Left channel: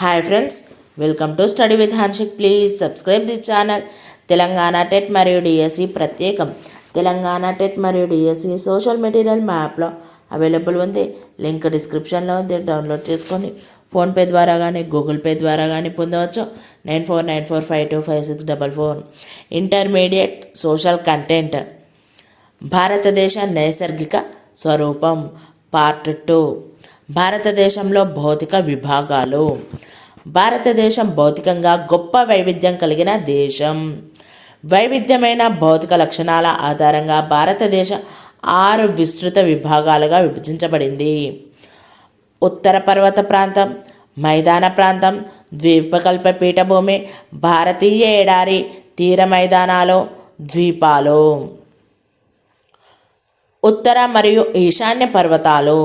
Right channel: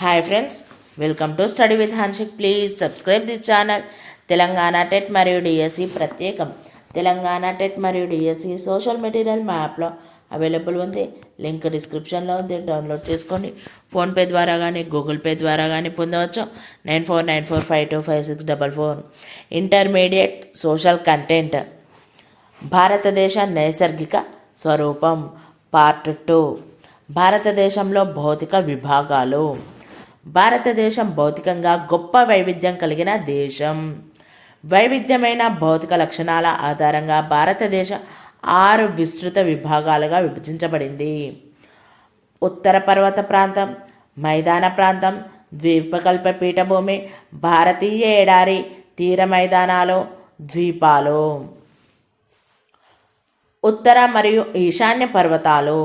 Hi friends welcome to study with Hanshik please subscribe the channel Telangana TET మరియు DSC ప్రత్యేకం Telangana TET మరియు DSC social material మ్యాప్లో available ఉంది link డిస్క్రిప్షన్లో ఉంది డౌన్లోడ్ చేసుకొని ఫోన్పే ద్వారా కానీ గూగుల్ పే ద్వారా కానీ పొందవచ్చు nine four nine four five two five six double four intermediate social content భారతదేశ నైసర్గిక స్వరూపం పార్ట్ టూ భారతదేశంలో భౌతిక విభాగాలు భారతదేశం భౌతికంగా గొప్ప వైవిధ్యం కలిగిన దేశం. వైవిధ్యమైన భౌతిక లక్షణాల ఆధారంగా భారతదేశం ఆరు విస్తృత విభాగాలుగా విభజించబడింది. ఉత్తర పర్వత ప్రాంతం మైదాన ప్రాంతం ద్వీపకల్ప పీఠభూమి భారతీయ ఎడారి తీర మైదానాలు ద్వీపాలు. ఉత్తర మరియు ఈశాన్య పర్వతాలు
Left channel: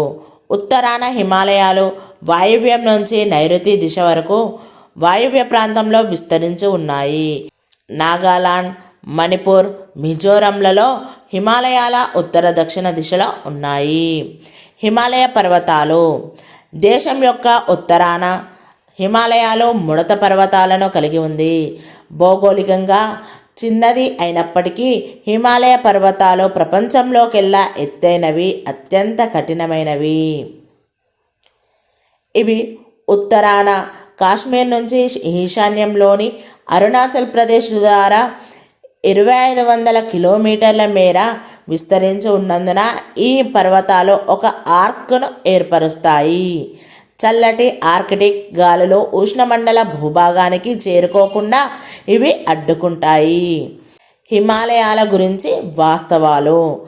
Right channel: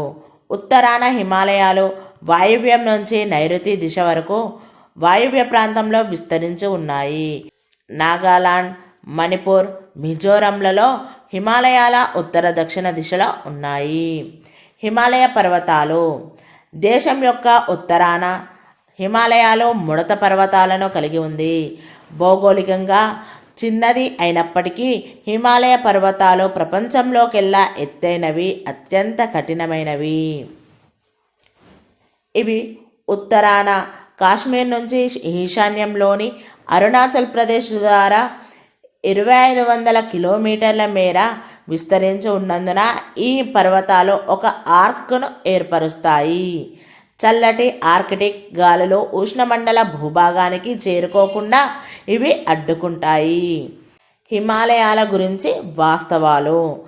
ఉత్తరాన హిమాలయాలు వాయువ్యం నుంచి నైరుతి దిశ వరకు వాయువ్య ప్రాంతంలో విస్తరించి ఉన్నాయి. నాగాలాండ్ మణిపూర్ మిజోరంలలో హిమాలయాల ఉత్తర దక్షిణ దిశలో ఉన్నాయి. హిమాలయ పర్వతాలు. దేశం యొక్క ఉత్తరాన హిమాలయాలు ముడత పర్వతాలను కలిగి ఉంది. భౌగోళికంగా చిన్నది అయినప్పటికీ హిమాలయ పర్వతాలు ప్రపంచంలోకెల్లా ఎత్తైనవి అత్యంత కఠినమైనవి. ఇవి ఉత్తరాన కాశ్మీర్ నుంచి ఈశాన్యంలోని అరుణాచల్ ప్రదేశ్ ద్వారా ఇరవై ఐదు వందల కిలోమీటర్ల మేర విస్తరించి ఉన్నందున ఈ పర్వతాలు ఒక ఆర్క్ను ఏర్పరుస్తాయి. చల్లటి ఆర్కిటిక్ గాలులు ఉష్ణమండల భూభాగానికి చేరుకోకుండా ఇవి అడ్డుకుంటాయి. హిమాలయాల గురించి వాస్తవాలు.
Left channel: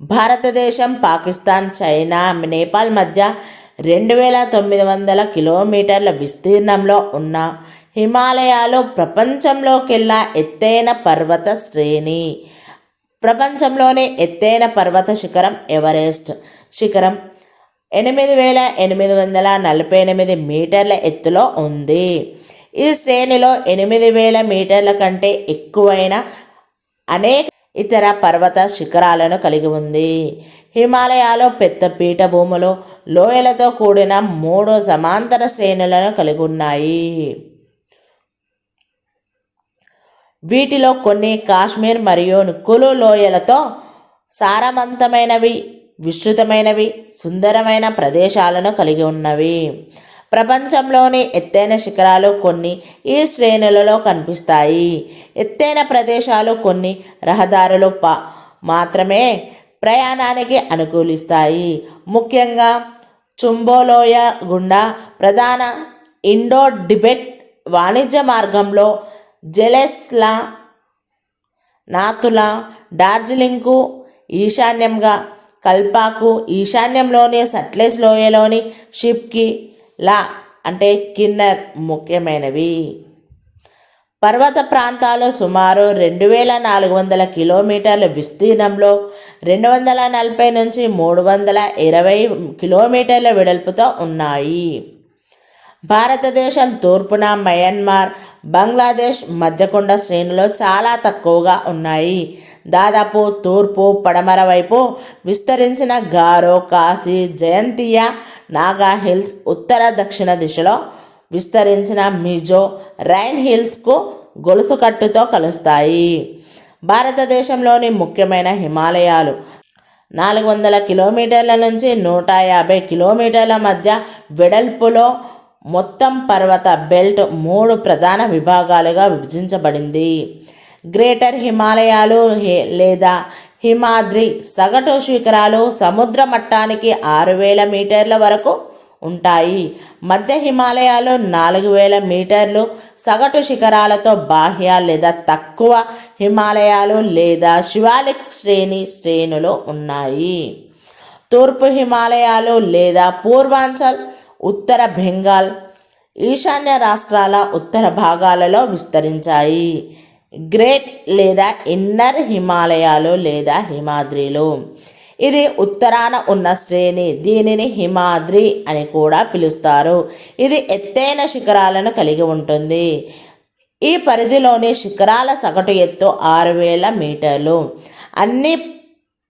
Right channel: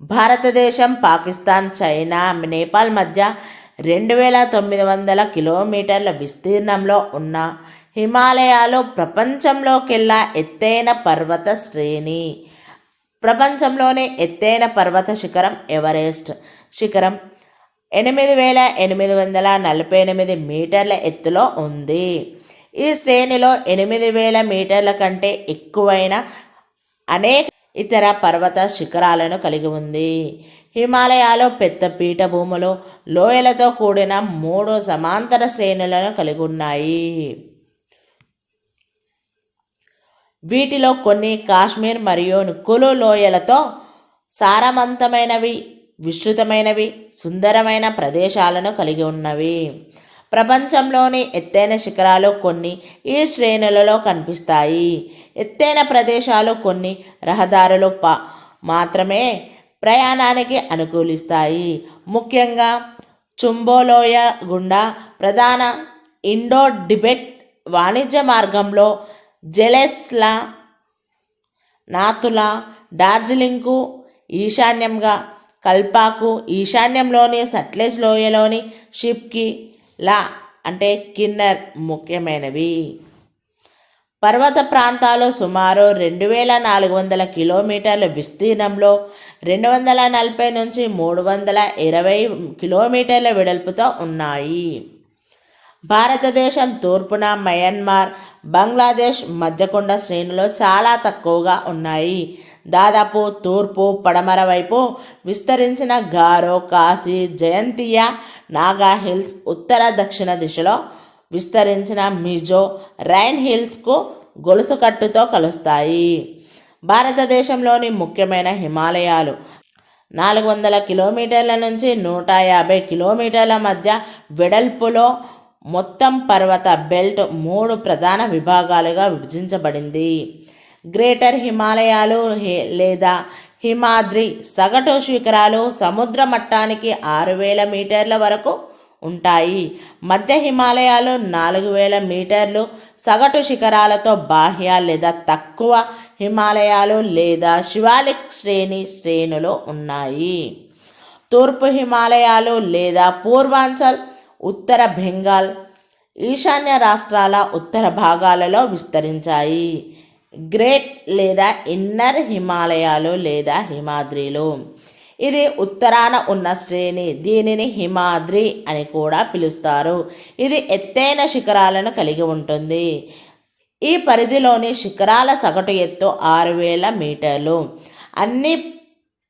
భారతదేశం పాకిస్తాన్ చైనా నేపాల్ మధ్య రెండు వేల తొమ్మిది వందల కిలోమీటర్ల విస్తీర్ణంలో ఉన్న హిమాలయాలు ప్రపంచంలోకెల్లా ఎత్తైన పర్వత శ్రేణి. ప్రపంచంలోనే ఎత్తైన పర్వత శిఖరం ఎవరెస్ట్. శిఖరం ఎనిమిది వేల ఎనిమిది వందల నలభై ఎనిమిది మీటర్ల ఎత్తులో ఉంది. ఈ శ్రేణిలో ఎనిమిది వేల మీటర్ల కంటే ఎక్కువైన అనేక ఇతర పర్వత శిఖరాలను కలిగి ఉంది. హిమాలయాలో పెద్ద పీఠభూములు లోయలతో కూడిన మూడు సమాంతర శ్రేణులను కలిగి ఉన్నాయి. వీటిలో కొన్ని కాశ్మీర్ మరియు కులు లోయలతో సారవంతమైనవి విస్తృతమైనవి సుందరమైన ప్రదేశాలను కలిగి ఉన్నవి. ప్రపంచంలోని ఎత్తైన శిఖరాలు కొన్ని ఈ శ్రేణులలో కనిపిస్తాయి. ఎత్తైన ప్రదేశాలు కొన్ని రహదారులు పా మాత్రమే ప్రయాణానికి అనుకూలిస్తాయి. ముఖ్యంగా చుంబోలోయ గుండా ప్రధాన ఇండో డిబెట్ వాణిజ్య మార్గంలో జెలెస్లా నాతులా డార్జిలింగ్కు ఈశాన్యంగా కల్పాకు ఈశాన్యంలోని సట్లెజ్ లోయలోని షిప్కి లా అంటే కిన్నర్ ముఖ్యమైనవి. పర్వత ప్రాంతాలు సుమారు రెండు వేల నాలుగు వందల కిలోమీటర్ల విస్తీర్ణంలో రెండు వందల నలభై నుంచి మూడు వందల ఇరవై కిలోమీటర్ల వెడల్పుతో ఉన్నాయి. భారతదేశం తూర్పున మయన్మార్ బంగ్లాదేశ్ మధ్యకొండ శ్రేణులు చాలా తక్కువగా ఉన్నాయి. దాదాపు తూర్పు పడమర వైపు విస్తరించిన గారో కాశీ జయంతియా నాగా హిల్స్ ఉత్తర దక్షిణ దిశలో విస్తరించిన మిజో రైన్ హిల్స్కు గొలుసు కట్టుతో కలుస్తాయి. భారతదేశంలోని ముఖ్యమైన హిమాలయాలు నాలుగు వందల కిలోమీటర్ల నుంచి నూట యాభై కిలోమీటర్ల మధ్య వెడల్పులో మొత్తం పర్వత బెల్ట్ మూడు ప్రధాన విభాగాలుగా విభజించబడింది. గ్రేటర్ హిమాలయాలు లేదా హిమాద్రి సగటు శిఖరాలు సముద్ర మట్టానికి ఆరు వేల మీటర్ల వరకు ఉంటాయి. మధ్య హిమాలయాలు నాలుగు వేల మీటర్లు సగటు శిఖరాలతో బాహ్య లేదా తక్కువ హిమాలయాలు లేదా శివాలిక్ శ్రేణి శ్రేణులు ఉన్నాయి. తూర్పు హిమాలయాలు లేదా పూర్వాంచల్ ఉత్తర బెంగాల్ ఈశాన్య రాష్ట్రాల ఉత్తర భాగాలలో విస్తరించాయి. గ్రేట్ లేదా ఇన్నర్ హిమాలయాలు లేదా హిమాద్రిలు. ఇది ఉత్తరాన ఉన్న శ్రేణి. దీనిని హిమాద్రి అని కూడా పిలుస్తారు. ఇది ఎత్తైన శిఖరాలను కలిగి ఉంటుంది. ఈ పరిధిలోని శిఖరాల సగటు ఎత్తు ఆరు వేల మీటర్లు. అన్ని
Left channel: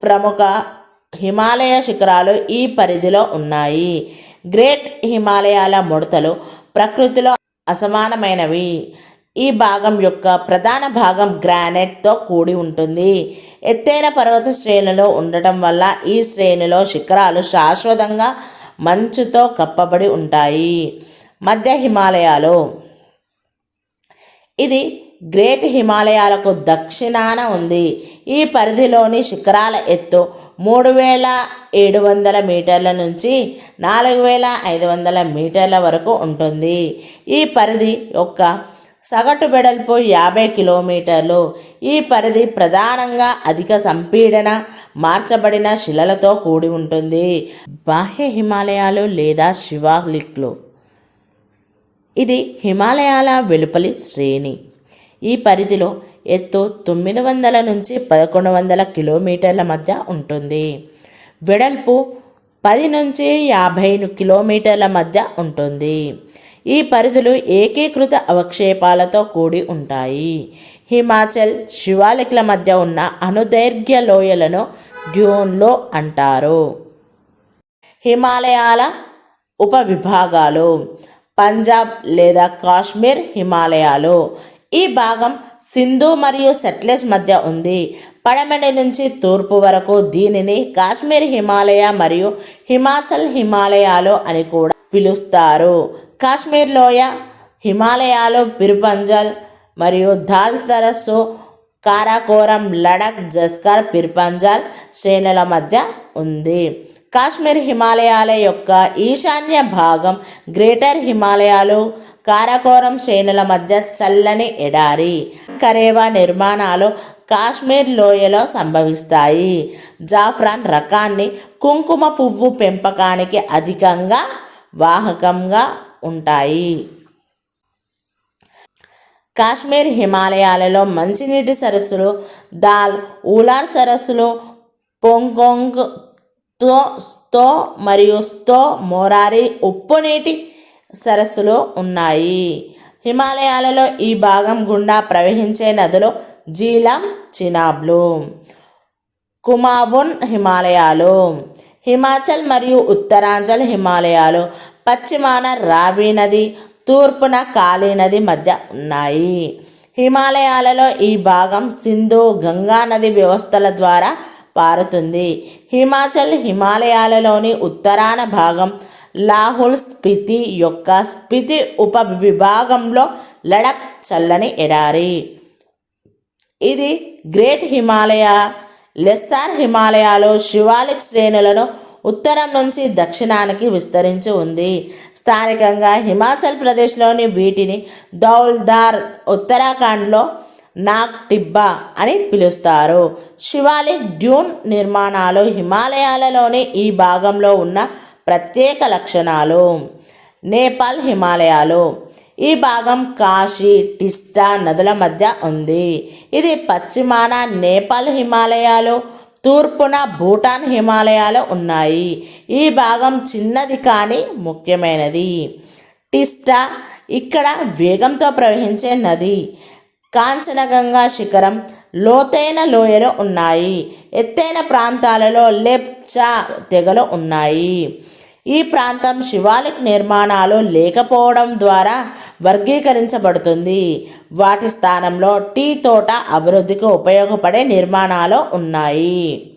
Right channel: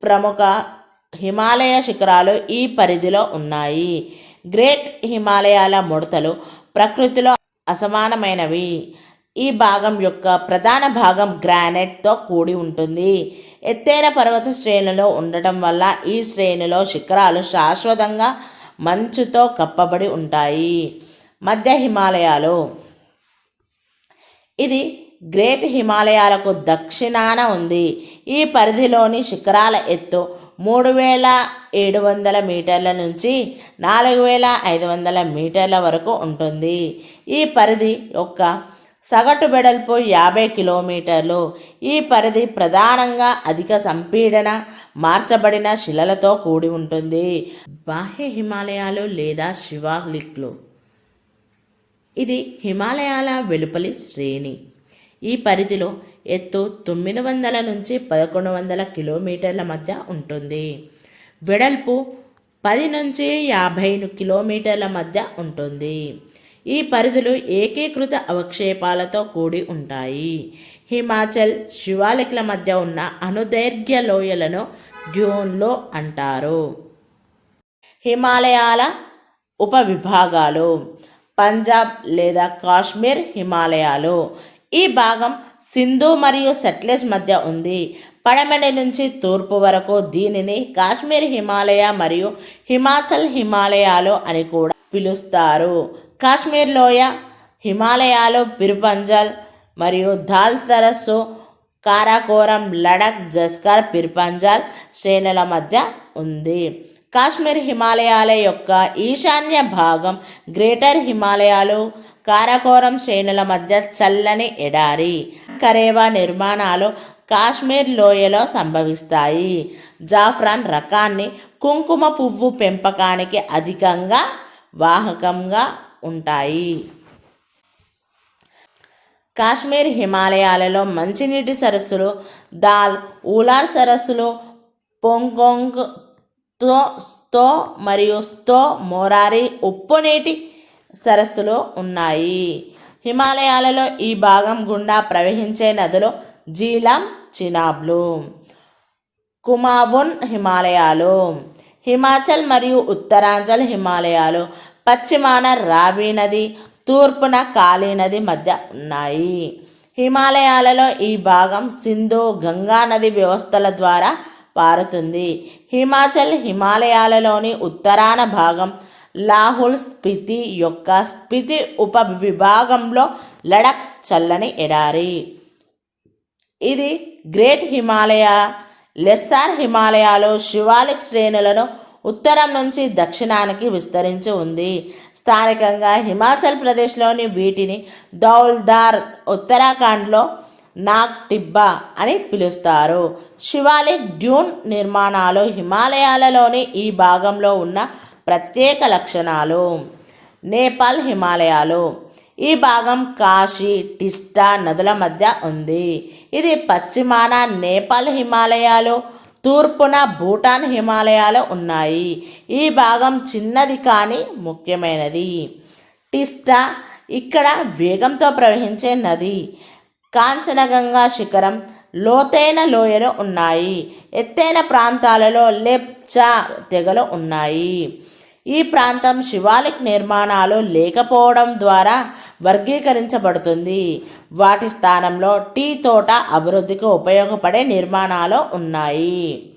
ప్రముఖ హిమాలయ శిఖరాలు ఈ పరిధిలో ఉన్నాయి. గ్రేట్ హిమాలయాల ముడతలు ప్రకృతిలో అసమానమైనవి. ఈ భాగం యొక్క ప్రధాన భాగం గ్రానైట్తో కూడి ఉంటుంది. ఎత్తైన పర్వత శ్రేణిలో ఉండటం వల్ల ఈ శ్రేణిలో శిఖరాలు శాశ్వతంగా మంచుతో కప్పబడి ఉంటాయి. మధ్య హిమాలయాలు. ఇది గ్రేట్ హిమాలయాలకు దక్షిణాన ఉంది. ఈ పరిధిలోని శిఖరాల ఎత్తు మూడు వేల ఏడు వందల మీటర్ల నుంచి నాలుగు వేల ఐదు వందల మీటర్ల వరకు ఉంటుంది. ఈ పరిధి యొక్క సగటు వెడల్పు యాభై కిలోమీటర్లు. ఈ పరిధి ప్రధానంగా అధిక సంపీడన మార్చబడిన శిలలతో కూడి ఉంటుంది. బాహ్య హిమాలయాలు లేదా శివాలిక్లు. ఇది హిమాలయాల వెలుపలి శ్రేణి. ఈ పరిధిలో ఎత్తు తొమ్మిది వందల నుంచి పదకొండు వందల కిలోమీటర్ల మధ్య ఉంటుంది. వెడల్పు పది నుంచి యాభై కిలోమీటర్ల మధ్య ఉంటుంది. ఈ పరిధులు ఏకీకృత అవక్షేపాలతో కూడి ఉంటాయి. హిమాచల్ శివాలిక్ల మధ్య ఉన్న అనుదైర్ఘ్య లోయలను డ్యూన్లో అంటారు. హిమాలయాల ఉపవిభాగాలు పంజాబ్ లేదా కాశ్మీర్ హిమాలయాలు ఈ భాగం సింధు మరియు సెట్లెస్ మధ్య ఉంది. పడమటి నుంచి తూర్పు వరకు దీనిని కాశ్మీర్ హిమాలయ మరియు హిమాచల్ హిమాలయాలు అని కూడా పిలుస్తారు. కాశ్మీర్ లోయ హిమాలయాలు పిరుపంజల్ మరియు దాల్ సరస్సు కారాకోరం లడక్ జస్కర్ పిర్పంజాల్ శ్రేణుల మధ్య ఉంది. కాశ్మీర్ హిమాలయాల యొక్క ఈశాన్య భాగం గ్రేటర్ హిమాలయాలు కారాకోరం శ్రేణుల మధ్య చల్లని ఎడారి కరేవా నిర్మాణాలు కాశ్మీర్ లోయలో సంభవిస్తాయి. జాఫ్రాన్ రకాన్ని కుంకుమ పువ్వు పెంపకానికి అధికంగా వాహకంగా ఉంటాయి. కాశ్మీర్ హిమాలయాలలో మంచినీటి సరస్సులు దాల్ ఊలార్ సరస్సులు పొంగొంగ్ స్తో స్తో మరియు స్తో మోరారి ఉప్పునీటి సరస్సులు ఉన్నాయి. హిమాలయాలలో ఈ భాగం గుండా ప్రవహించే నదులు జీలం చినాబ్లు. కుమావున్ హిమాలయాలు. హిమాచల్ మరియు ఉత్తరాంచల్ హిమాలయాలు. పశ్చిమాన రావి నది తూర్పున కాళీ నది మధ్య ఉన్నాయి. హిమాలయాలలో ఈ భాగం సింధు గంగా నది వ్యవస్థల ద్వారా పారుతుంది. హిమాచల్ హిమాలయాలలోని ఉత్తరాన భాగం లాహుల్ స్పితి యొక్క స్పితి ఉప విభాగంలో లడక్ చల్లని ఎడారి. ఇది గ్రేట్ హిమాలయ లెస్సార్ హిమాలయాలు శివాలిక్ శ్రేణులను ఉత్తరం నుంచి దక్షిణానికి విస్తరించి ఉంది. స్థానికంగా హిమాచల్ ప్రదేశ్లోని వీటిని దౌల్దార్ ఉత్తరాఖండ్లో నాగ్ టిబ్బా అని పిలుస్తారు. శివాలిక్ డ్యూన్ నిర్మాణాలు హిమాలయాలలోని ఈ భాగంలో ఉన్న ప్రత్యేక లక్షణాలు. నేపాల్ హిమాలయాలు. ఈ భాగం కాశీ టిస్టా నదుల మధ్య ఉంది. ఇది పశ్చిమాన నేపాల్ హిమాలయాలు తూర్పున భూటాన్ హిమాలయాలు ఉన్నాయి. ఈ భాగం చిన్నది కానీ ముఖ్యమైనది. టిస్టా ఇక్కడ వేగంతో ప్రవహించే నది. కాంచనగంగా శిఖరం లోతైన లోయలు ఉన్నాయి. ఎత్తైన ప్రాంతాలలో లెప్చా తెగలు ఉన్నాయి. ఈ ప్రాంతం శివాలిక్ నిర్మాణాలు లేకపోవడం ద్వారా వర్గీకరించబడుతుంది. వాటి స్థానంలో టీ తోట అభివృద్ధికి ఉపయోగపడే నిర్మాణాలు ఉన్నాయి.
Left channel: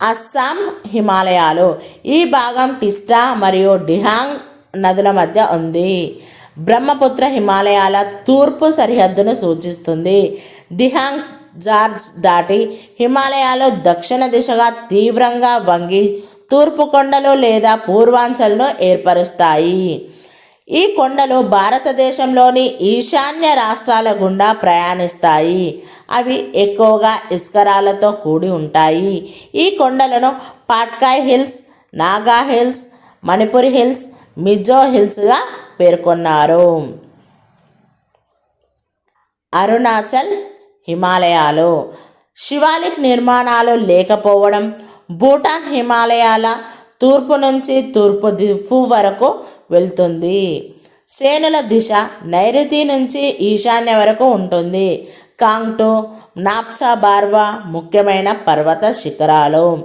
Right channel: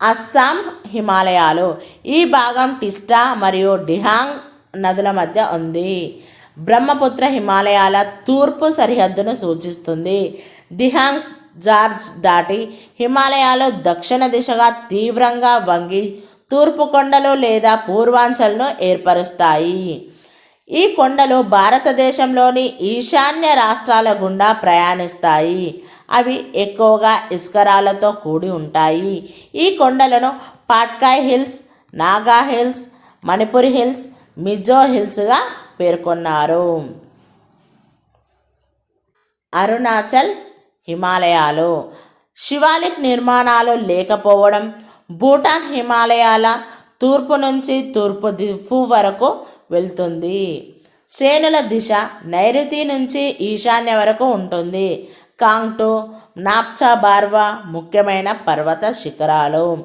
అస్సాం హిమాలయాలు ఈ భాగం టిస్టా మరియు డిహాంగ్ నదుల మధ్య ఉంది. బ్రహ్మపుత్ర హిమాలయాల తూర్పు సరిహద్దును సూచిస్తుంది. దిహాంగ్ జార్జ్ దాటి హిమాలయాలు దక్షిణ దిశగా తీవ్రంగా వంగి తూర్పు కొండలు లేదా పూర్వాంచల్ను ఏర్పరుస్తాయి. ఈ కొండలు భారతదేశంలోని ఈశాన్య రాష్ట్రాల గుండా ప్రయాణిస్తాయి. అవి ఎక్కువగా ఇస్కరాలతో కూడి ఉంటాయి. ఈ కొండలను Patkai hills Naga hills Manipur hills Mizo హిల్స్గా పేర్కొన్నారు. అరుణాచల్ హిమాలయాలు. శివాలిక్ నిర్మాణాలు లేకపోవడం భూటాన్ హిమాలయాల తూర్పు నుంచి తూర్పు దిఫు వరకు వెళ్తుంది. శ్రేణుల దిశ నైరుతి నుంచి ఈశాన్య వరకు ఉంటుంది. కాంగ్టు నాప్చా బార్వా ముఖ్యమైన పర్వత శిఖరాలు.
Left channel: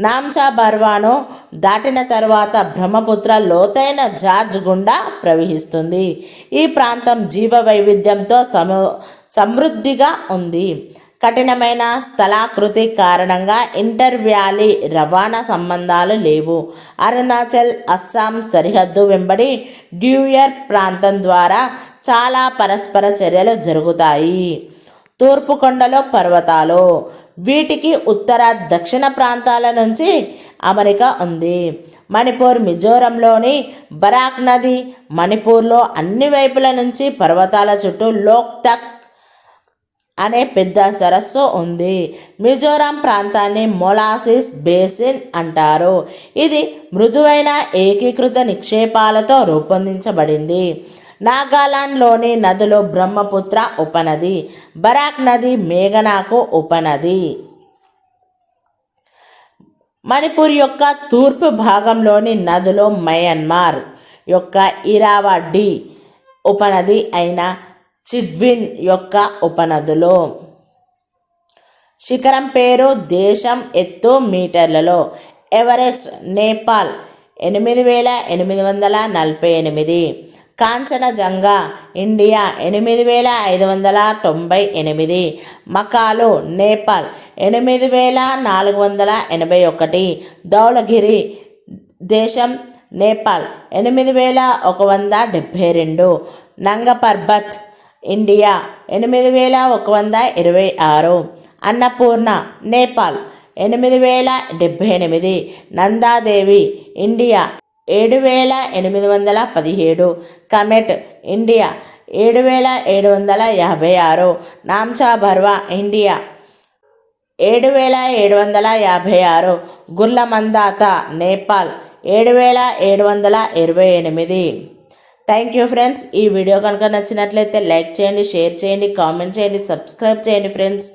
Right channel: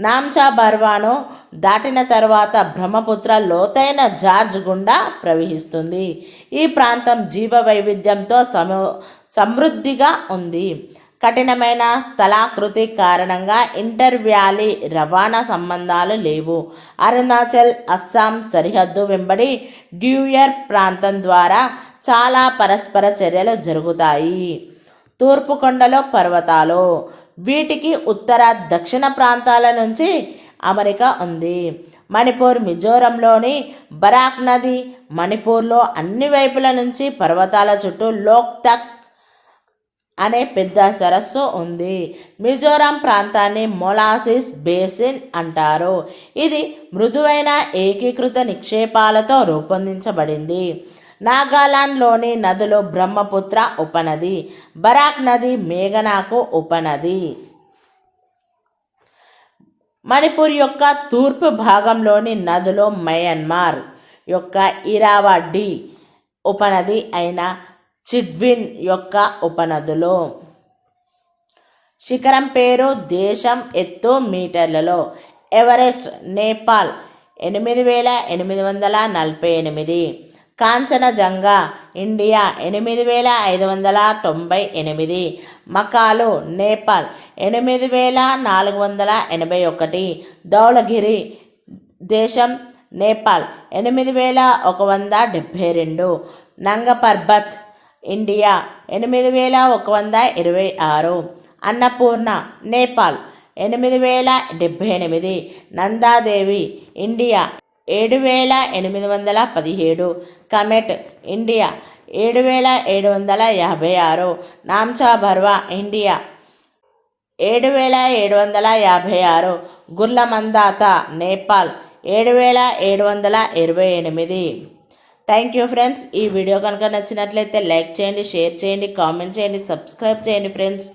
నామ్చా బర్వాను దాటిన తర్వాత బ్రహ్మపుత్ర లోతైన జార్జ్ గుండా ప్రవహిస్తుంది. ఈ ప్రాంతం జీవ వైవిధ్యంతో సమ సమృద్ధిగా ఉంది. కఠినమైన స్థలాకృతి కారణంగా ఇంటర్ వ్యాలీ రవాణా సంబంధాలు లేవు. అరుణాచల్ అస్సాం సరిహద్దు వెంబడి డ్యూయర్ ప్రాంతం ద్వారా చాలా పరస్పర చర్యలు జరుగుతాయి. తూర్పు కొండలో పర్వతాలు వీటికి ఉత్తర దక్షిణ ప్రాంతాల నుంచి అమెరికా ఉంది. మణిపూర్ మిజోరంలోని బరాక్ నది మణిపూర్లో అన్ని వైపుల నుంచి పర్వతాల చుట్టూ లోక్టక్ అనే పెద్ద సరస్సు ఉంది. మిజోరాం ప్రాంతాన్ని మొలాసిస్ బేసిన్ అంటారు. ఇది మృదువైన ఏకీకృత నిక్షేపాలతో రూపొందించబడింది. నాగాలాండ్లోని నదులు బ్రహ్మపుత్ర ఉపనది బరాక్ నది మేఘనాకు ఉపనది. మణిపూర్ యొక్క తూర్పు భాగంలోని నదులు మయన్మార్ యొక్క ఇరావడ్డి ఉపనది అయిన చిడ్విన్ యొక్క ఉపనదులు. శిఖరం పేరు దేశం ఎత్తు మీటర్లలో ఎవరెస్ట్ నేపాల్ ఎనిమిది వేల ఎనిమిది వందల నలభై ఎనిమిది. కాంచనజంగా ఇండియా ఎనిమిది వేల ఐదు వందల తొంభై ఎనిమిది మకాలు నేపాల్ ఎనిమిది వేల నాలుగు వందల ఎనభై ఒకటి ధౌలగిరి దేశం నేపాల్ ఎనిమిది వేల ఒక వంద డెబ్భై రెండు నంగపర్బత్ ఇండియా ఎనిమిది వేల ఒక వంద ఇరవై ఆరు అన్నపూర్ణ నేపాల్ ఎనిమిది వేల డెబ్భై ఎనిమిది నందాదేవి ఇండియా ఏడు వేల ఎనిమిది వందల పదిహేడు. కమెట్ ఇండియా. ఏడు వేల ఏడు వందల యాభై ఆరు. నామ్చా బర్వా ఇండియా. ఏడు వేల ఏడు వందల యాభై ఆరు. గుర్లమందాత నేపాల్. ఏడు వేల ఏడు వందల ఇరవై ఎనిమిది. Thank you friends. ఈ వీడియో కనుక నచ్చినట్లయితే లైక్ చేయండి షేర్ చేయండి కామెంట్ చేయండి సబ్స్క్రైబ్ చేయండి ఫ్రెండ్స్.